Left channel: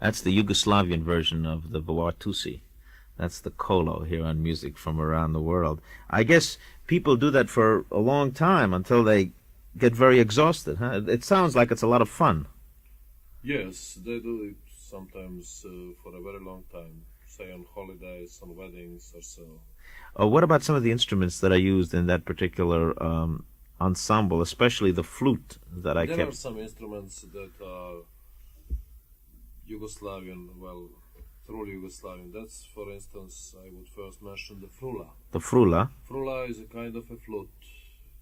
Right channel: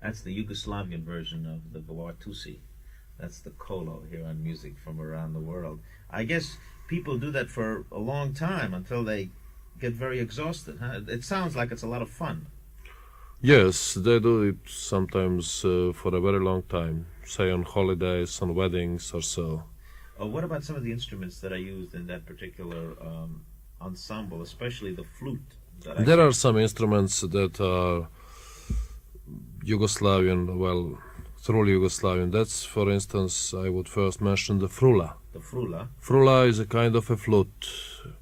That's the Yugoslavian version of the Tusi. That's the Kolo here on Music from Around the World. I guess people do that for a long time until they get very exhausted. Huh? It sounds like it's a lot of fun. Yes, they do it sometimes for a very long time, say on holidays, on weddings or so. What about some of the instruments that are used in that particular ensemble, especially the flute that I There are some instruments that are Yugoslavian, well, truly Yugoslavian. That's, for instance, I would first mention the frula. The frula? Frula is a kind of a flute.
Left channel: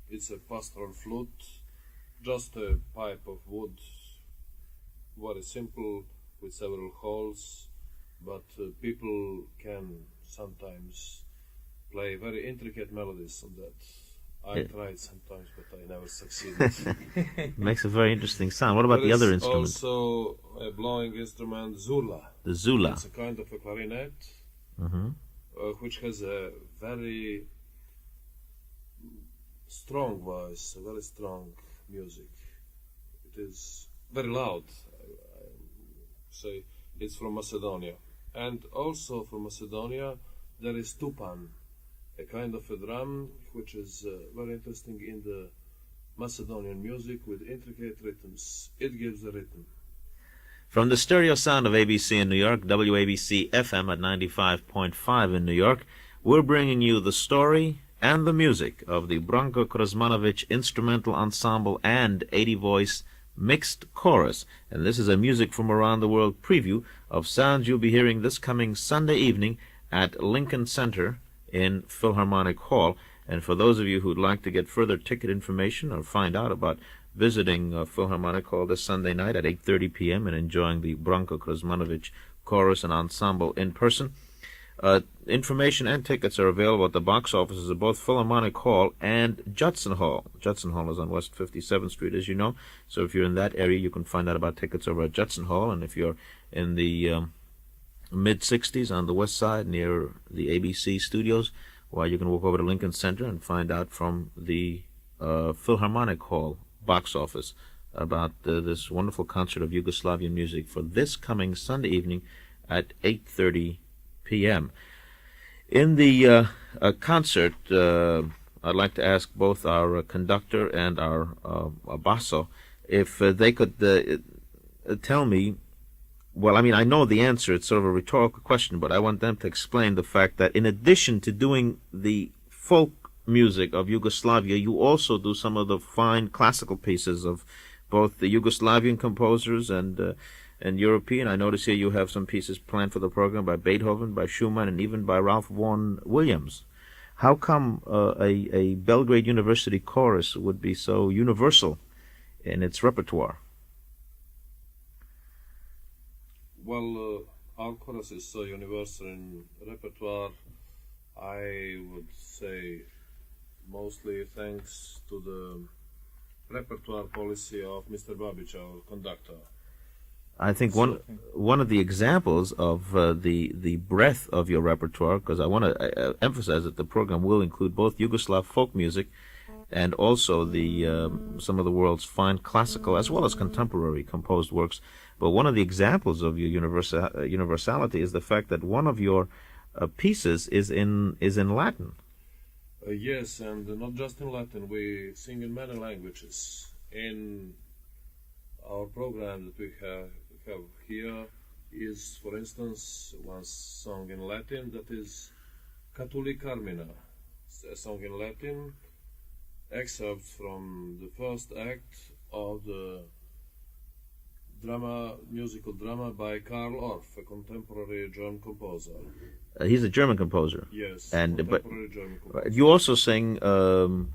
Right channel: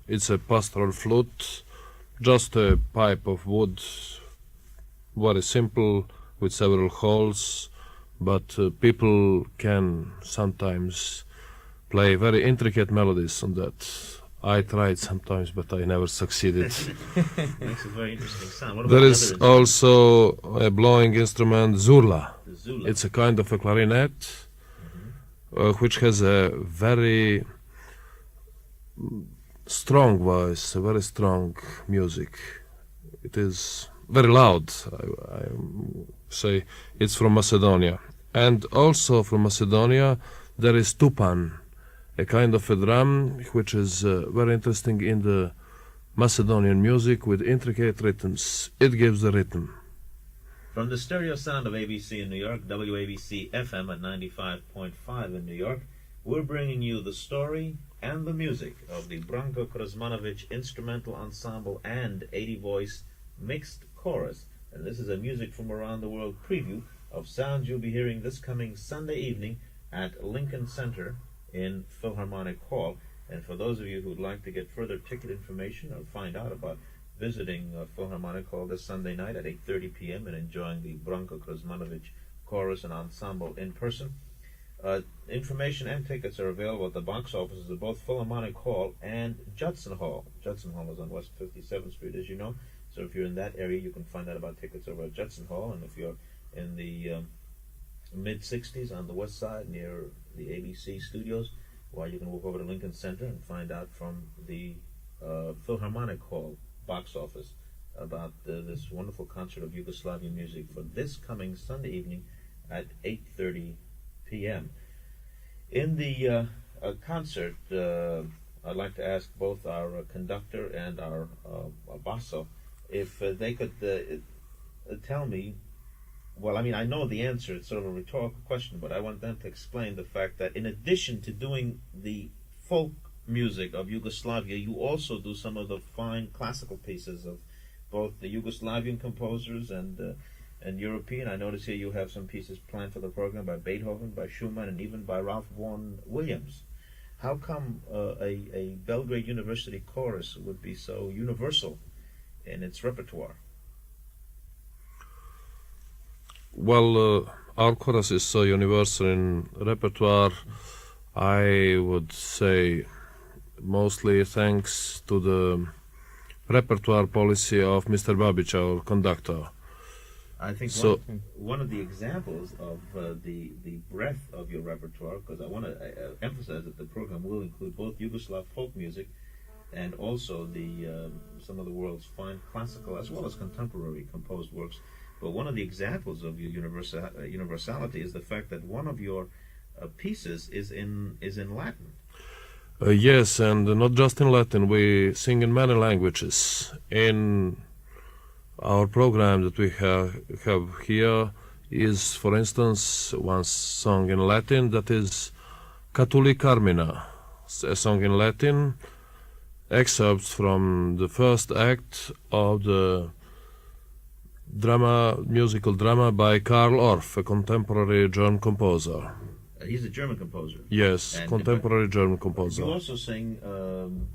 It's a pastoral flute, just a pipe of wood, very simple, with several holes, but people can sometimes play very intricate melodies on that. I tried sometimes, but I never succeeded. Makes a very interesting sound. What about There the other is instruments? also a blowing instrument, zurla. The zula. It's a kind of a clarinet, which has a very strong voice, a very strong music. It is very loud, I say. It's from Macedonia. And also from Macedonia, there is tupan, a kind of a drum which is very interesting in the Macedonian music with intricate rhythms. It gives the rhythm. From the stereo sound of ABC in New York, WABC FM at 95.5 in New York, we're bringing you the story and the music of the Branko Krsmanovic Instrumental Ensemble and 80-voice mixed chorus. And this is a Music from Around the World preview of sounds you'll be hearing this coming Sunday evening at Lincoln Center in Philharmonic Hall. And for those of you who'd like to get further ticket information or find out about visiting Philharmonic Hall this Sunday night at 8:30 p.m. and enjoying the Branko Krsmanovic Chorus and Ensemble in person, information and tickets are available at the box offices of both Philharmonic Hall and Judson Hall. Judson Hall is on West 57th Street, as you know, so if you're in that area, you can find out about tickets over at Judson Hall, and if you're in the mid-60s on the west side near the ABC studios, well, you can walk over to Lincoln Center and find out from the Philharmonic Hall box office about this wonderful concert of Yugoslavian music for this coming Sunday evening at 8:30 p.m. In the concert, I'd like to ask both our conductor and our basso if they could tell me. Well, I mean, I know the answer. It's sort of a rhetorical question, but I want them to explain the fact that in addition to doing the folk music of Yugoslavia, you also do some of the fine classical pieces of both the Yugoslavian composers and European. I notice here you have some pieces planned for the program by Beethoven, by Schumann, and even by Ralph Vaughan Williams. How come a Belgrade University chorus would be so universal in its repertoire? Well, our chorus is so universal in repertoire, I would say mostly thanks to the repertoire policy of Mr. Babic, our conductor. I think one of the examples of the breadth of your repertoire, because I want to emphasize that the program will include both Yugoslav folk music and also the some of the world's fine classical as well as contemporary composed works. But one of the examples of your universality is the fact that one of your pieces is in Latin. Yes, and not just in Latin. We sing in many languages. In our program that we have here is, for instance, one song in Latin that is Catuli Carmina, a song in Latin, excerpts from the first act of the musical drama by Karl Orff, a contemporary German composer. He's a German composer. Yes, contemporary German composer. You also sing, in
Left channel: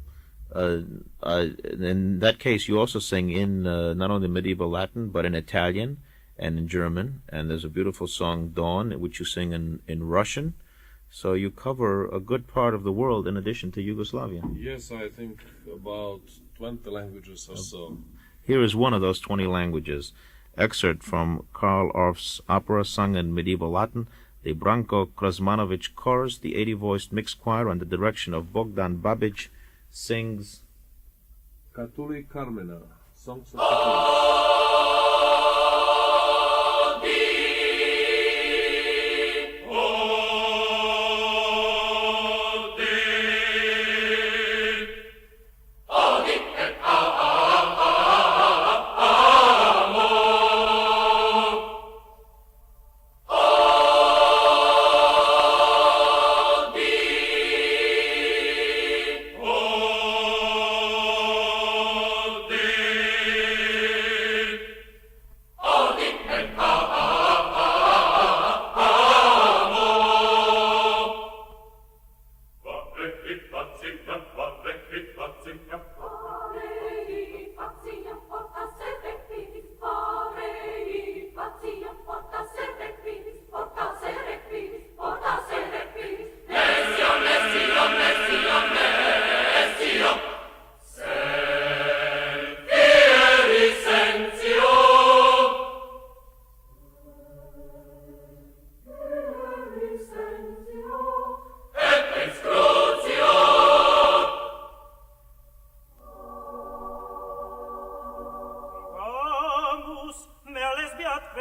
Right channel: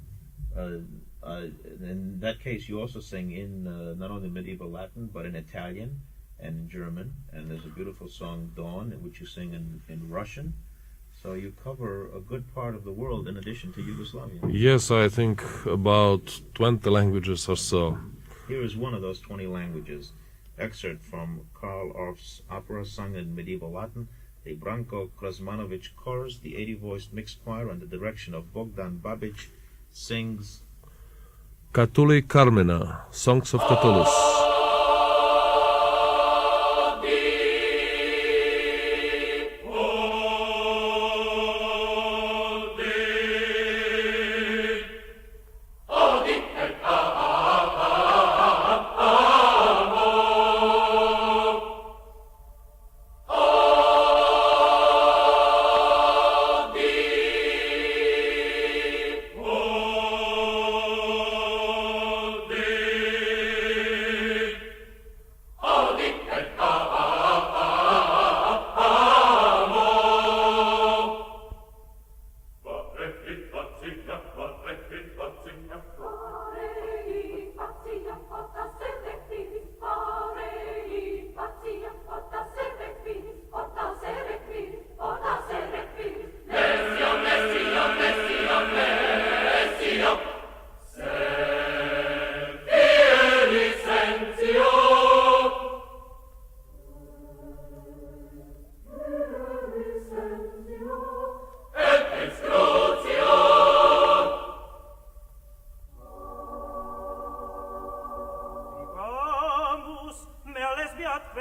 that case, you also sing in not only medieval Latin, but in Italian and in German. And there's a beautiful song, Dawn, which you sing in Russian. So you cover a good part of the world in addition to Yugoslavia. Yes, I think about 20 languages or so. Here is one of those 20 languages. Excerpt from Karl Orff's opera sung in medieval Latin, the Branko Krsmanovic Chorus, the 80-voiced mixed choir under the direction of Bogdan Babic, sings Catuli Carmina, Songs of Catullus.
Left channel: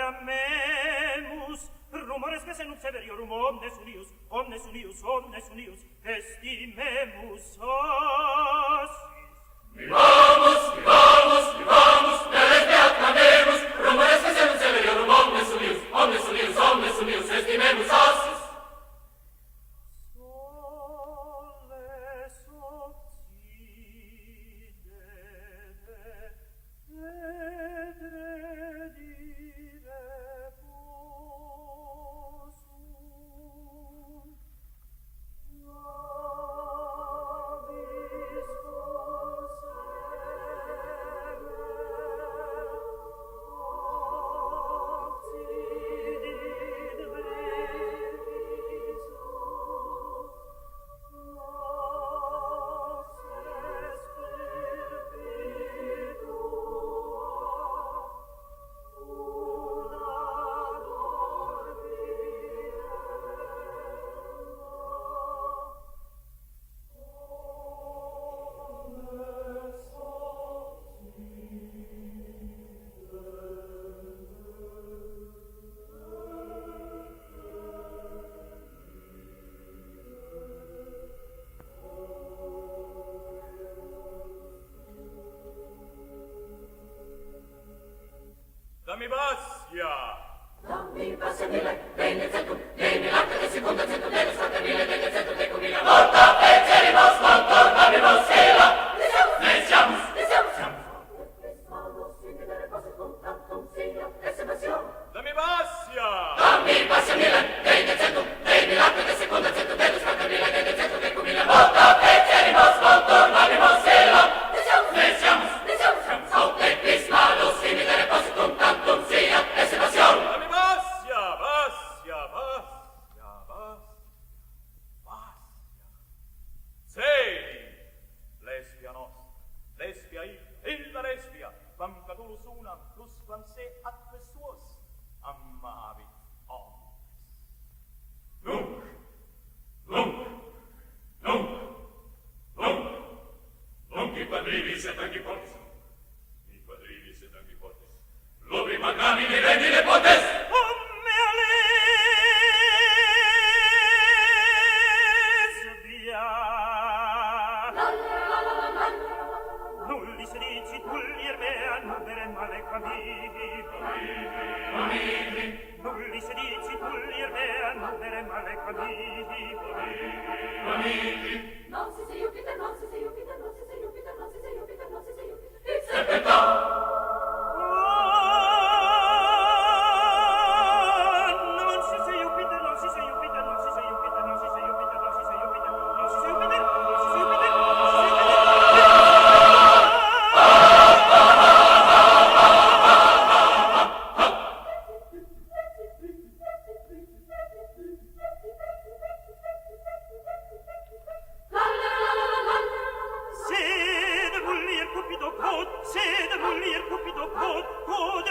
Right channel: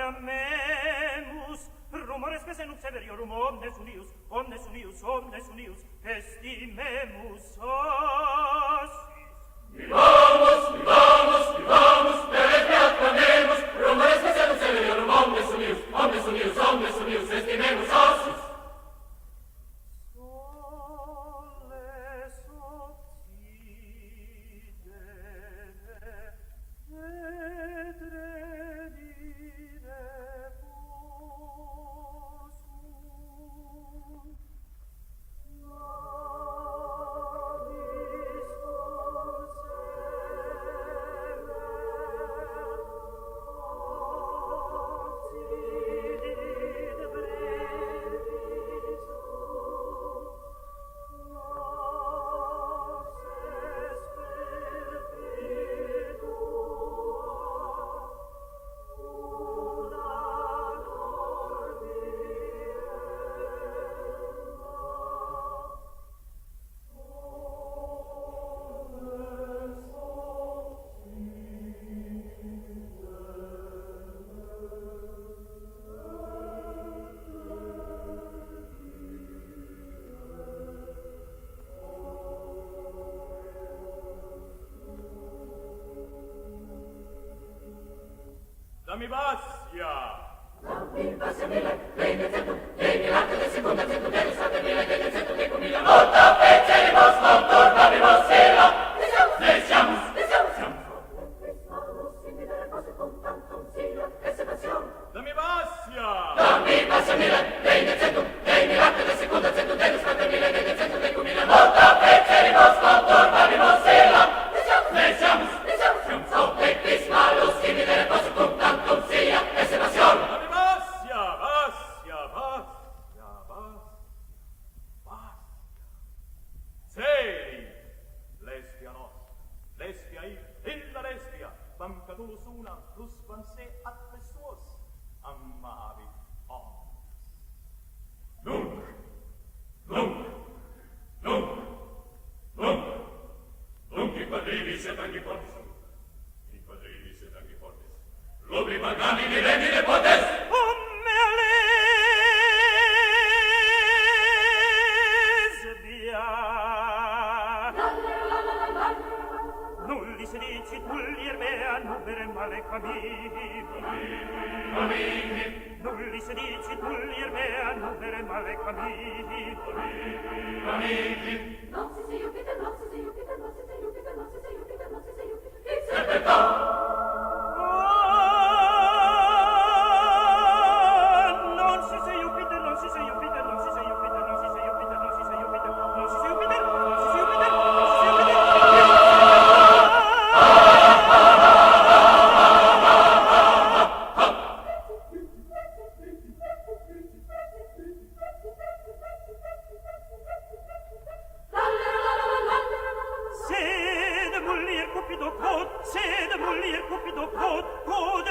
clamemus, rumores que senut severiorum omnes unius, estimemus assis. Vivamus, deleste acclamemus, rumores que senut severiorum omnes unius, estimemus assis. Soles obsidere, vedere dire possum. Nobis obsidit brevis noces Dammi bassia! Dammi passia mille, degni centum, degni l'arte de secunda centum, degni state mille, degni centum, decum mille, volta fecerimos, contornabimus, ela, ne siamus, Krsmanovic, incidere posse cum tantum sia, esse passion. Dammi bassia! Dammi passia mille, degni centum, degni l'arte de secunda centum, degni state mille, degni centum, decum mille, volta fecerimos, contornabimus, ela, ne siamus, Krsmanovic, incidere posse cum tantum sia, esse passion. Dammi bassia! Sedi! Lesbia nostra, lesbia illa lesbia, bancatus una, plus vanse affessuos, amavi omnes. Nunc in quadrivis et anche fortis. Lubri magnamini regni potes. Come a lesbia. Nullis dicit vullier mea, nudere male camini. Nullis dicit vullier mea, nudere male camini. Non si sei Jupiter, non si sei Jupiter, non si sei Jupiter, non si sei Jupiter, non si sei Jupiter. Non si sei Jupiter, non si sei Jupiter, non si sei Jupiter, non si sei Jupiter, non si sei Jupiter, non si sei Jupiter, non si sei Jupiter, non si sei Sede mullir cupido cod, sede mullir cupido cod, cod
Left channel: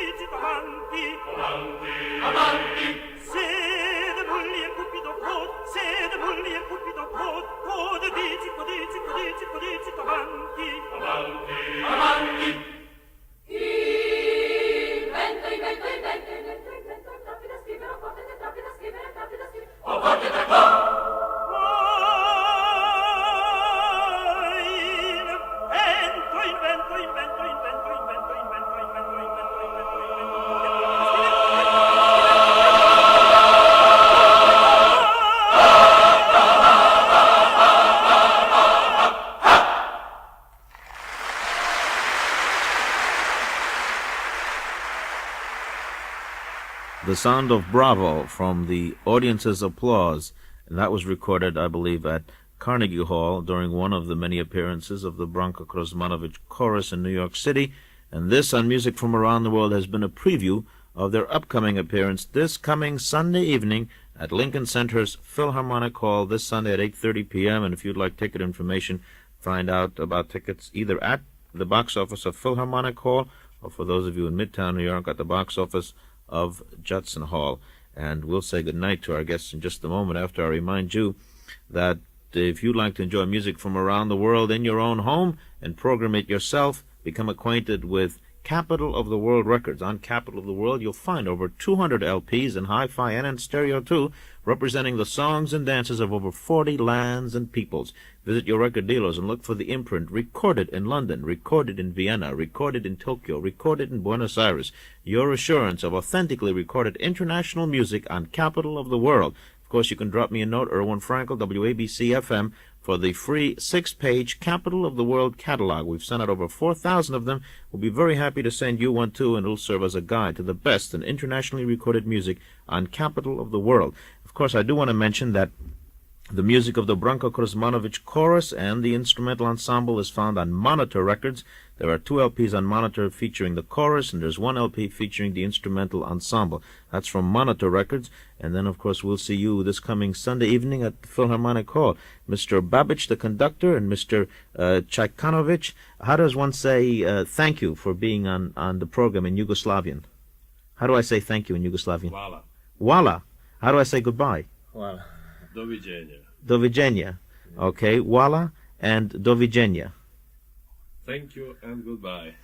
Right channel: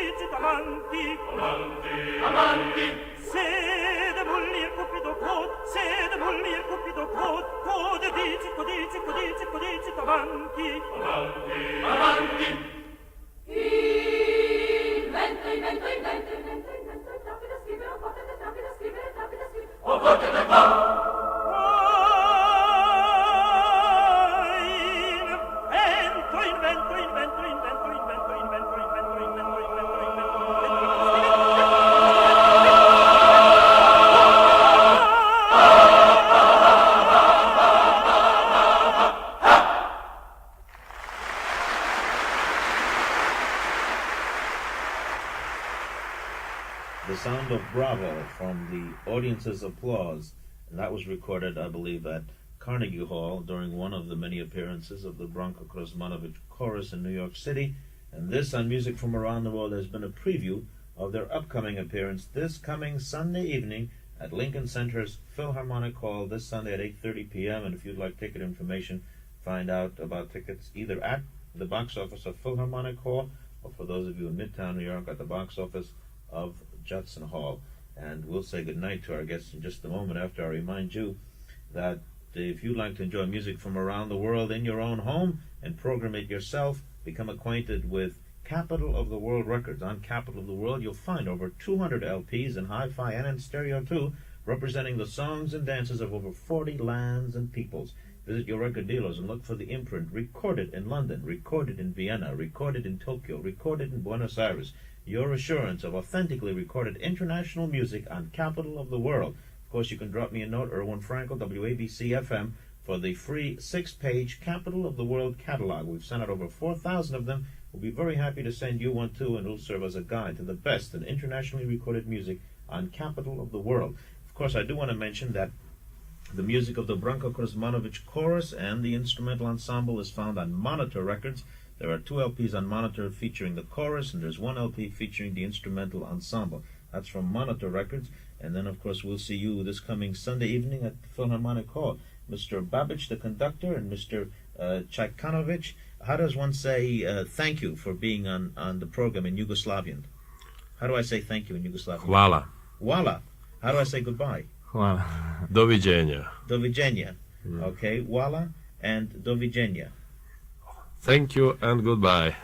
dicit, amanti. Sede mullir cupido cod, sede mullir cupido cod, cod dicit, amanti. Invento, rapida scrivere, potete rapida scrivere. The sound of bravo from the audience's applause, and that was recorded, I believe, at Carnegie Hall during one of the many appearances of the Branko Krsmanovic Chorus in New York City. And this on Music from Around the World has been a preview of their upcoming appearance this coming Sunday evening at Lincoln Center's Philharmonic Hall this Sunday at 8:30 p.m. And if you'd like ticket information, find out about tickets either at the box office of Philharmonic Hall or for those of you in Midtown New York at the box office of Judson Hall. And we'll say goodnight to our guests in just a moment after I remind you that if you'd like to enjoy music from around the world in your own home and program it yourself, become acquainted with Capital of the World Records. On Capital of the World, you'll find over 200 LPs in hi-fi and in stereo too, representing the songs and dances of over 40 lands and peoples. Visit your record dealers and look for the imprint Recorded in London, Recorded in Vienna, Recorded in Tokyo, Recorded in Buenos Aires. Your assurance of authentically recorded international music on Capital of the World. Of course, you can drop me a note, Erwin Frankel, WABC-FM, for the free 6-page Capital of the World catalog. We've sent out over 4,000 of them. We'll be very happy to send you one too, and it'll serve as a guide to the best in internationally recorded music on Capital of the World. Of course, I do want to mention that the music of the Branko Krsmanovic chorus and the instrumental ensemble is found on Monitor Records. There are 2 LPs on Monitor featuring the chorus, and there's 1 LP featuring the instrumental ensemble. That's from Monitor Records. And then, of course, we'll see you this coming Sunday evening at the Philharmonic Hall. Mr. Babic, the conductor, and Mr. Krsmanovic. How does one say thank you for being on the program in Yugoslavian? How do I say thank you in Yugoslavian? Hvala. Hvala. How do I say goodbye? Hvala. Doviđenja. Doviđenja. Okay, hvala and doviđenja. Thank you and goodbye.